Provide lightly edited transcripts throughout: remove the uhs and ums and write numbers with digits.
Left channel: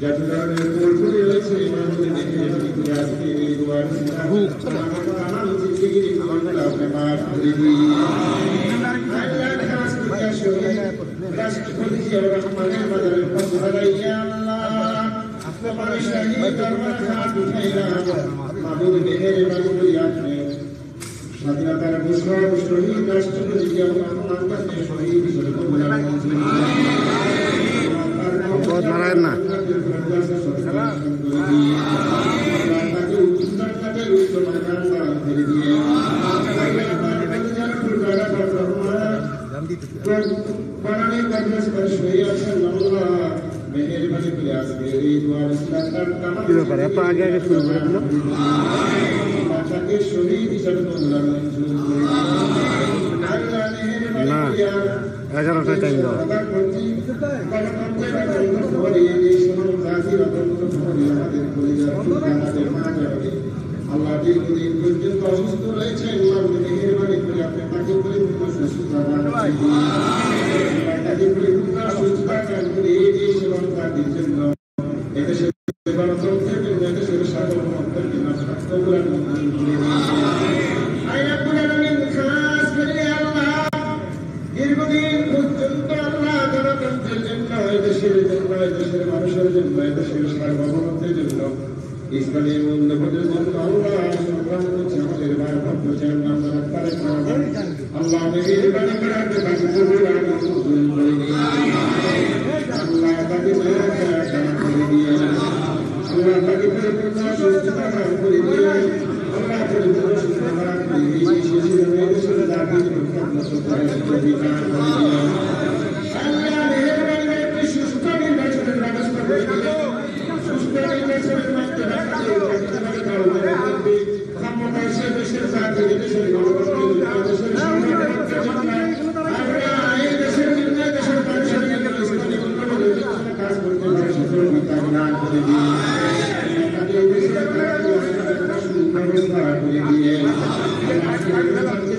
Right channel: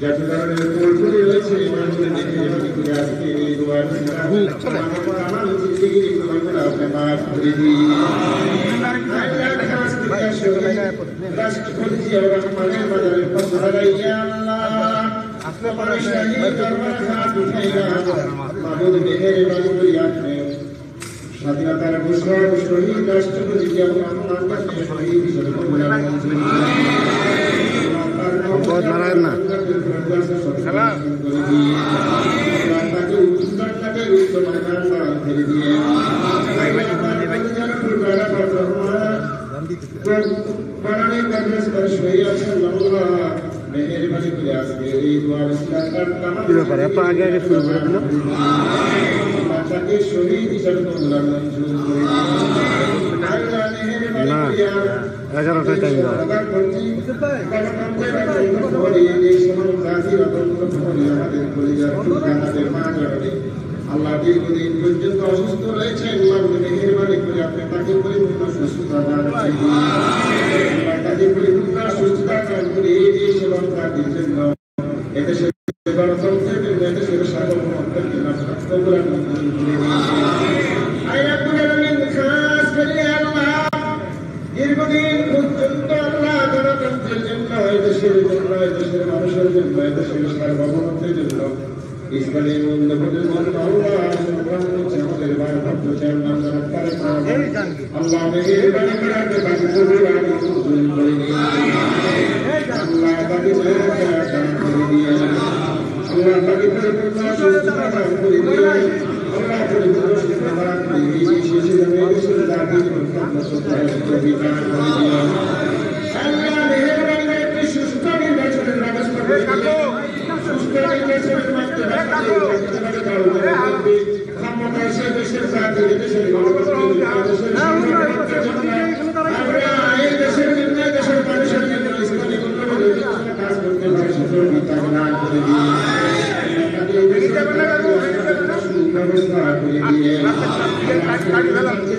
যার কারণে কোলগুলি রয়েছে এগুলোকে দেখে করে আজকে এই দোয়ার আমার জিন্দগির গুনাহগুলো আপনি মাফ করে দিন। রাষ্ট্রপতি জিয়াউর রহমানের মাজারের পাশে দাঁড়াইয়া আল্লাহ আপনার শাহী দরবার হাত উঠাইলাম মাহবুব মেহেরবানি করে আপনি স্বাধীনতার ঘোষণা শহীদ রাষ্ট্রপতি জিয়াউর রহমান কাছে শহীদ হিসেবে কবুল মঞ্জুর নারায়ণ না কি ব্যাপার এত আগে আগে শুরু করে দিল না 11টায় টাইম দাও আল্লাহ দীর্ঘদিন পর্যন্ত অসুস্থ রয়েছে মেহেরবানি করে আপনি তাকে পরিপূর্ণ সুস্থতা দান করে এই দেশ এবং তাদের জন্য এদেশের গণতন্ত্রের জন্য এদেশের সার্বভৌমত্বের জন্য দীর্ঘদিন পর্যন্ত আল্লাহ গণতন্ত্রের জন্য এদেশের জন্য এদেশের মানুষের জন্য এদেশের সার্বভৌমত্বের জন্য ইসলামের মূল্যবোধের জন্য আল্লাহ আমাদের ভারপ্রাপ্ত চেয়ারম্যান আল্লাহ মেহেরবানি করে আপনি তাকে কবুল আর মঞ্জুর করে দিন। আল্লাহ তাকে করে দিয়ে আল্লাহ তাকে পরিপূর্ণ সুস্থতা দান করে দিয়ে আল্লাহ পরিপূর্ণ সুস্থতা দান করে দিয়ে এদেশের জাতির আল্লাহ মেহেরবানি করে একটি সুস্থ নির্বাচনের ব্যবস্থা করে দিয়ে সুস্থ নির্বাচনের মাধ্যমে ক্ষমতায় সে দেশের জাতির দেশের দেশের জন্য দেশের মানুষের জন্য ইসলামী উন্নয়নের জন্য কাজ করতে পারে সুযোগিতা দান করে দিয়ে ব্যবস্থা করে দিয়ে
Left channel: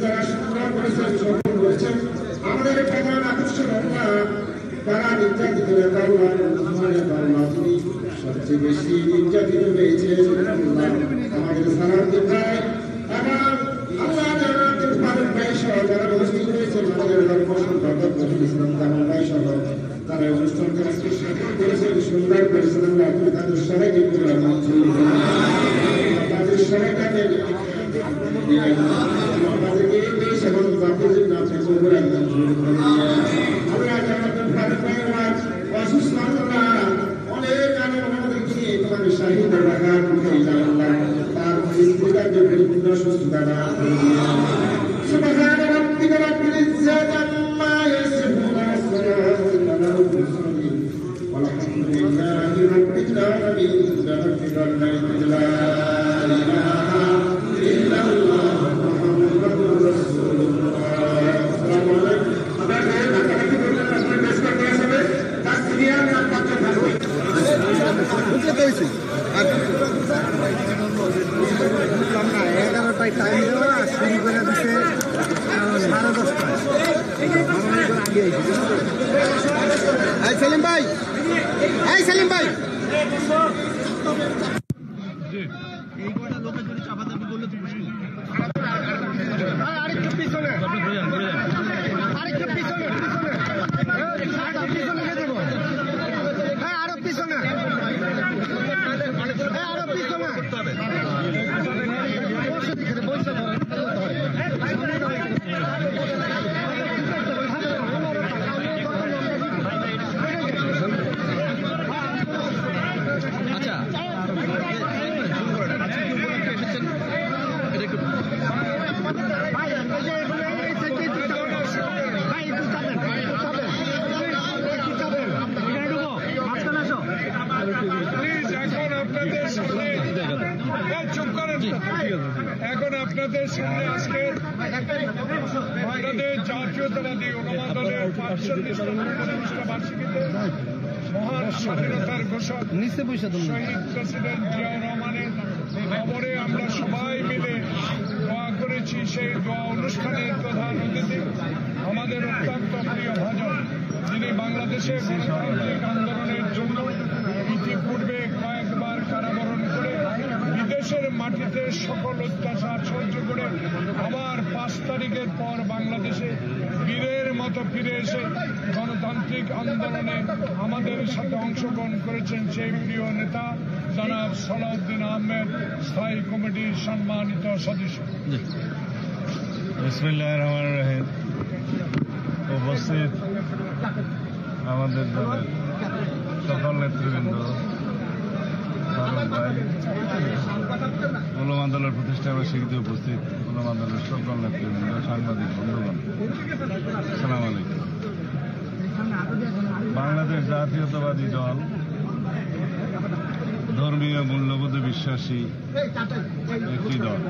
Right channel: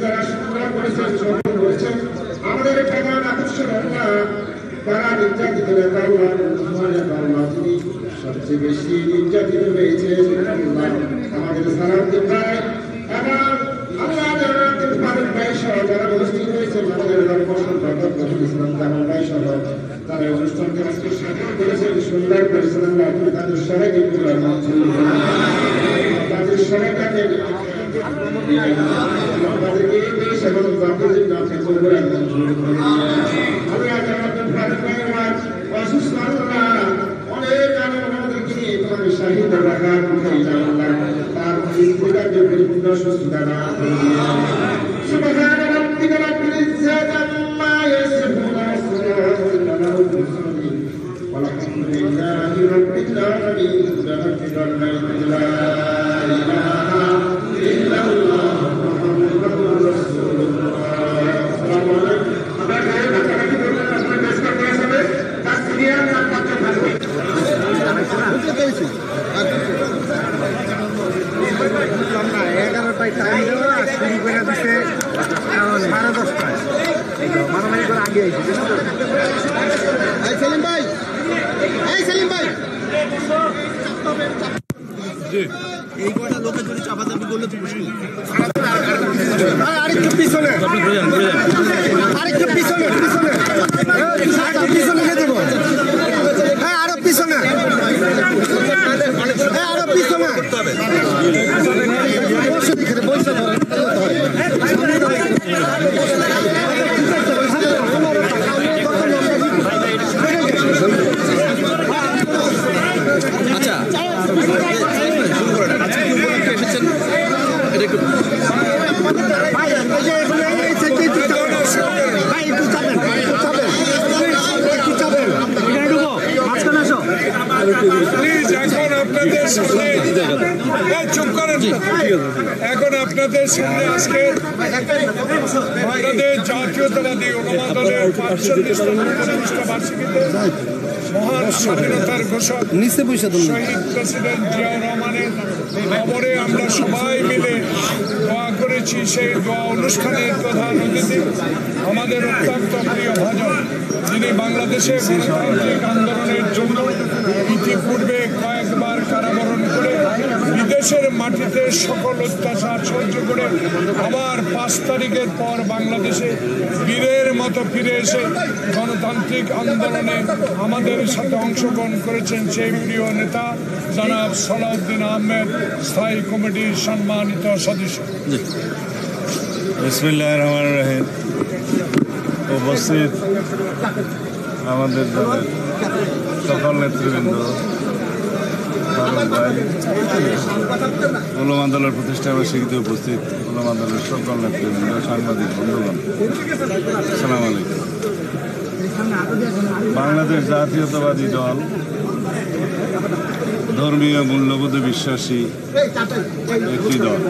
যারা সংগ্রাম করেছেন সফল করেছেন আমাদের প্রধান আকর্ষণ আল্লাহ তারা নির্যাতিত তিনি সবচেয়ে বেশি নির্যাতিত হয়েছে আমাদের সারাতে প্রায় এবং আল্লাহ যারা ভাই সহ যারা উপস্থিত হয়েছেন আমাদের ইসলাম জামাল ভাই সহ তারা অনুষ্ঠানকে আজকে সফল করেছেন সুন্দর করেছেন আল্লাহ আপনি তাদের সবাইকে তাদের সবাইকে তাদেরকে এই দেশ এবং জাতির জন্য আপনি কবুল মঞ্জুর করে আল্লাহ যারা অসুস্থ আল্লাহ অনেক আমাদেরকে নিয়ে তোমাদের শাহীদ রাখা তার স্ত্রীকে পরিপূর্ণ সুস্থতা দান করে সুবহান রাব্বিকা রাব্বিল ইজ্জাতি আম্মা ইয়াসিফুন ওয়া সালামুন আলাল মুরসালিন ওয়ালহামদুলিল্লাহি রাব্বিল আলামিন লা ইলাহা ইল্লাল্লাহ মুহাম্মাদুর রাসূলুল্লাহ আসসালামু আলাইকুম না 11টায় টাইম দেওয়া শুরু করে দিচ্ছে 10:30টায় মারামারি করে আগে সেলিম ভাই সেলিম ভাই এই কটা লোকের যদি চাপাচাপি করলে তো মুশকিল আরেকটু পিছনে আরেকটু পিছনে পিছনে যেতে দেবো হ্যাঁ আরো পিছনে আরো পিছনে এখন আপনাদের সামনে আজকে বাংলাদেশ জাতীয়তাবাদী ওলামা দলের ৪৫তম প্রতিষ্ঠা বার্ষিকীতে মহান স্বাধীনতার ঘোষক শহীদ প্রেসিডেন্ট জিয়াউর রহমানের খবরে আমরা সবাই মিলে দোয়া করেছি। করেছি সেই দোয়া অনুষ্ঠানের প্রধান অতিথি আমাদের অত্যন্ত প্রিয় ভাজন, যিনি বাংলাদেশের গণতান্ত্রিক আন্দোলনের জন্য ইতিপূর্বে কয়েকবার কারাবরণ করে বিদেশের মাটিতে সকল অত্যাচার সহ্য করে আবার 5 তারিখের পর বাংলাদেশে বীরের মতো ফিরে এসে গণতান্ত্রিক আন্দোলনে আমাদের সাথে অংশগ্রহণ করেছেন সেই প্রিয় নেতা জনাব সালাউদ্দিন আহমেদ, স্থায়ী কমিটির সম্মানিত সদস্য। বিসমিল্লাহির রহমানির রহিম। উপস্থিত আমাদের দলের সকল নেতৃবৃন্দ, ফারুক ভাই, উলামা দলের প্রতিষ্ঠা বার্ষিকীতে উপস্থিত উলামা দলের সকল নেতৃবৃন্দ, সাংবাদিক বন্ধুগণ, আসসালামু আলাইকুম। বাংলাদেশ জাতীয়তাবাদী দল ধর্মীয় মূল্যবোধে বিশ্বাসী একটি দল।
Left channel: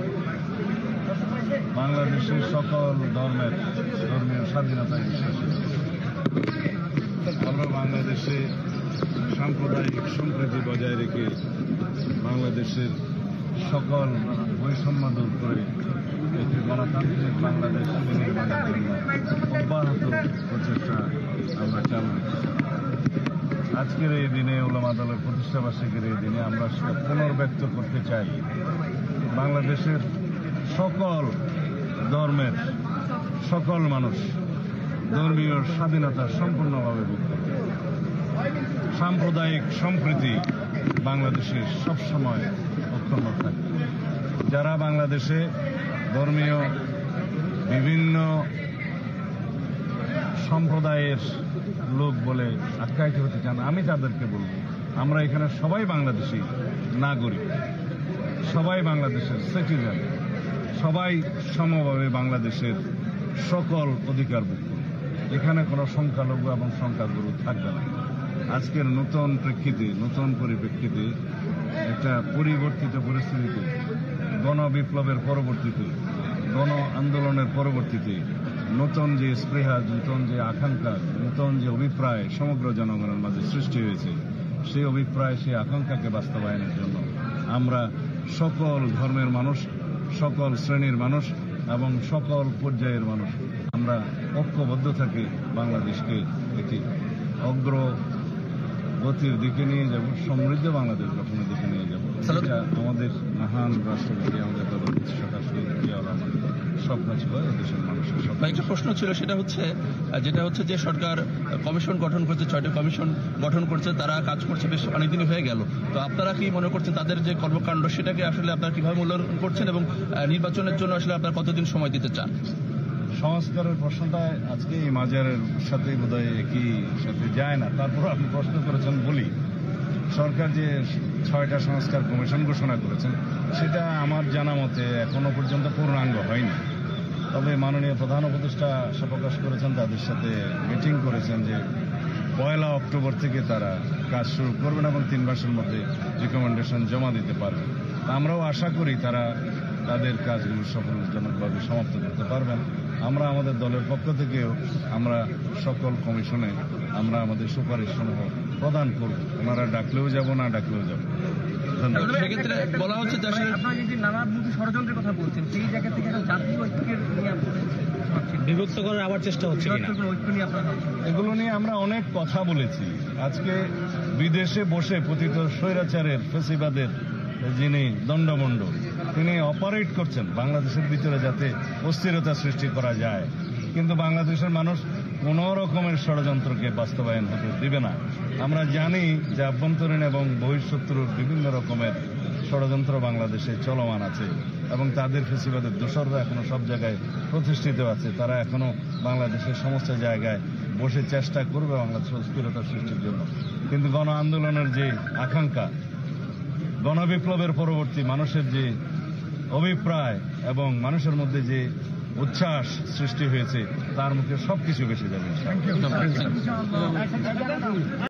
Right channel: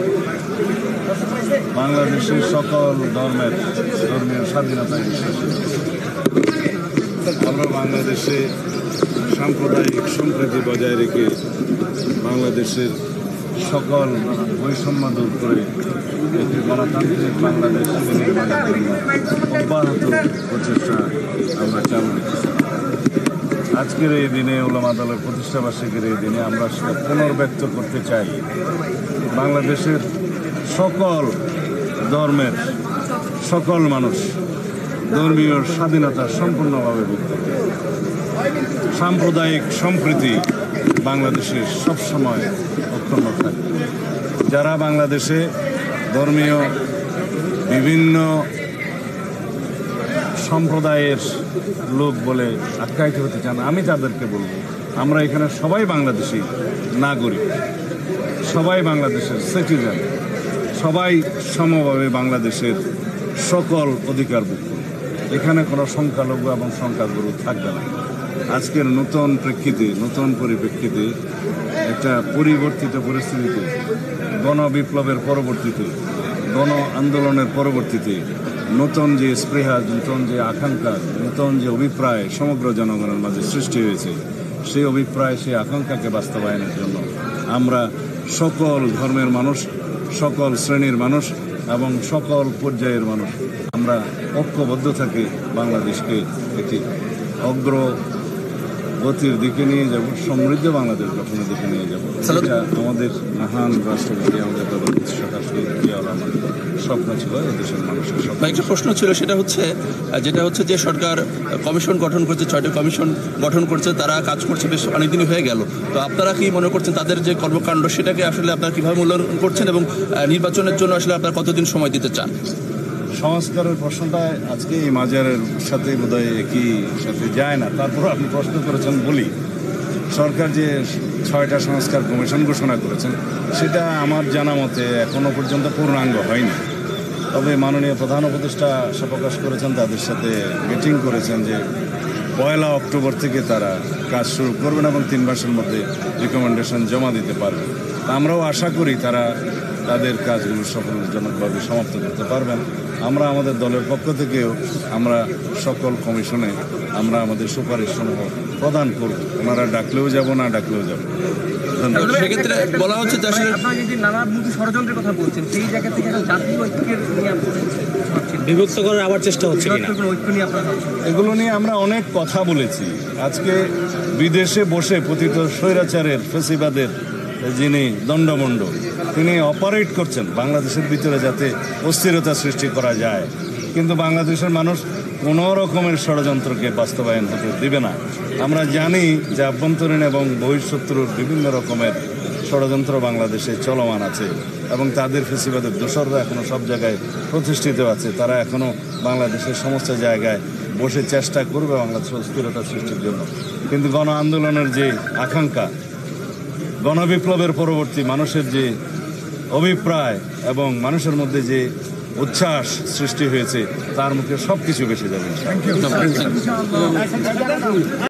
বাংলাদেশের সকল ধর্মীয় স্বাধীনতায় বিশ্বাসী। আমরা বাংলাদেশে সাম্প্রদায়িক সম্প্রীতি বজায় রেখে বাংলাদেশের সকল বৈষম্য দূর করে একটি গণতান্ত্রিক বাংলাদেশ নির্মাণের জন্য অব্যাহত প্রচেষ্টা আমরা চালু রেখেছি। আজকের এই দিনে উলামা দলের প্রতিষ্ঠা বার্ষিকীর এই দিনে আমরা সেটা পুনর্ব্যক্ত করতে চাই। বাংলাদেশের সকল ধর্মের সকল মানুষ ধর্মীয় স্বাধীনতা সম্পূর্ণভাবে ভুক্ত। সাম্প্রদায়িক সম্প্রীতি বাংলাদেশে সবসময় অক্ষুণ্ণ থাকবে। যারা বাংলাদেশে ধর্মীয় বিভিন্ন সম্প্রদায়ের লোক বলে আখ্যায়িত হতে চান, আমি তাদেরকে বলব, আমরা এখানে সবাই বাংলাদেশি নাগরিক, সবাই বাংলাদেশের সিটিজেন, সবাই সমভাবে বাংলাদেশের সকল অধিকারভুক্ত। এখানে কোনো সংখ্যালঘু এবং সংখ্যাগুরু থাকবে না। আজকের নতুন প্রেক্ষিতে, নতুন পরিপ্রেক্ষিতে, একটা পরিবর্তিত পরিস্থিতিতে, গণবিপ্লবের পরবর্তীতে, গণ আন্দোলনের পরবর্তীতে নতুন যে স্পৃহা, নতুন যে আকাঙ্ক্ষা, নতুন যে অভিপ্রায় সমগ্র জনগণের মাঝে সৃষ্টি হয়েছে, সেই অভিপ্রায়, সেই আকাঙ্ক্ষাকে বাস্তবায়নের জন্য আমরা সকল ধর্মের মানুষ, সকল শ্রেণীর মানুষ এবং সকল পর্যায়ের মানুষ আমরা ঐক্যবদ্ধ থাকি বাংলাদেশকে একটি অগ্রগতির দিকে নিয়ে যাব, সমৃদ্ধ বাংলাদেশ গঠনের দিকে নিয়ে যাব। এটা আমাদের মহান রাষ্ট্রপতি, আমাদের স্বপ্ন ছিল, দেশের মানুষের স্বপ্ন। একটা প্রশ্ন ছিল, যেটা হচ্ছে যে সরকার কমিশন গঠন করছে, 6টি কমিশন গঠন করছে, তারা কাজ করছে বেশ অনেকদিনই হয়ে গেল। তো আপনারা কি মনে করছেন তাদের যে কর্মকাণ্ড সেটাকে আসলে আপনারা কিভাবে মূল্যায়ন করছেন এবং নির্বাচনের জন্য আসলে আপনারা কতদিন সময় দিতে চান? সংস্কারের প্রশ্নটা আজকে এই মাজারের সাথে বোধহয় একই সাথে যায় না, তারপর আপনি প্রশ্ন করেছেন বলি। সরকার যে 6টা সংস্কার কমিশন ঘোষণা করেছেন সেটা আমার জানা মতে এখনো পর্যন্ত পূর্ণাঙ্গ হয়নি। তবে মাননীয় প্রধান উপদেষ্টা আশা প্রকাশ করেছেন, তাদের সাথে মিটিং করেছেন যে 1 অক্টোবর থেকে তারা কাজ শুরু করবেন এবং 3 মাসের মধ্যে রিকমেন্ডেশন জমা দিতে পারবেন। আমরাও আশা করি তারা তাদের কাজগুলো সফলজনকভাবে সমাপ্ত করতে পারবেন। আমরা আমাদের দলের পক্ষ থেকেও আমরা সকল কমিশনে আমরা আমাদের সুপারিশসমূহ প্রদান করব। ওনারা ডাকলেও যাব, না ডাকলেও যাব। সেক্ষেত্রে বলা হচ্ছে যে আসলে আপনারা যদি নানামুখী ষড়যন্ত্রের কথা বলছেন, সেই জায়গা থেকে জাতীয় ঐক্যের বিভক্ত করার আবার চেষ্টা হচ্ছে ঐক্য নিয়ে আপনারা, এগুলো নিয়ে আমরা অনেক কথা বলেছি। আজকে বিদেশে বসে পতিত স্বৈরাচারের, ফেসিবাদের যিনি দণ্ডমণ্ড, তিনি অপারেট করছেন বাংলাদেশের ভিতরে যাতে অস্থিরতা সৃষ্টি করা যায়, কিন্তু বাংলাদেশের মানুষ কোনো রকমের ষড়যন্ত্রকে বাস্তবায়ন হতে দেবে না। আমরা জানি যে আভ্যন্তরীণ এবং বহিঃশত্রুর বিভিন্ন রকমের ষড়যন্ত্র বাংলাদেশে চলমান আছে এবং তাদের ফেসিবাদের দোসররা এখনও সব জায়গায় প্রতিষ্ঠিত আছে। তারা এখনও বাংলাদেশের সমস্ত জায়গায় বসে চেষ্টা করবে বাংলাদেশের অস্থিরতা সৃষ্টির জন্য। কিন্তু গণ আন্দোলনের যে আকাঙ্ক্ষা, গণবিপ্লবের পরবর্তী মানুষের যে অভিপ্রায় এবং মানুষের মধ্যে যে উচ্ছ্বাস সৃষ্টি হয়েছে, তার মুখে সব কিছু বেশি যাবে।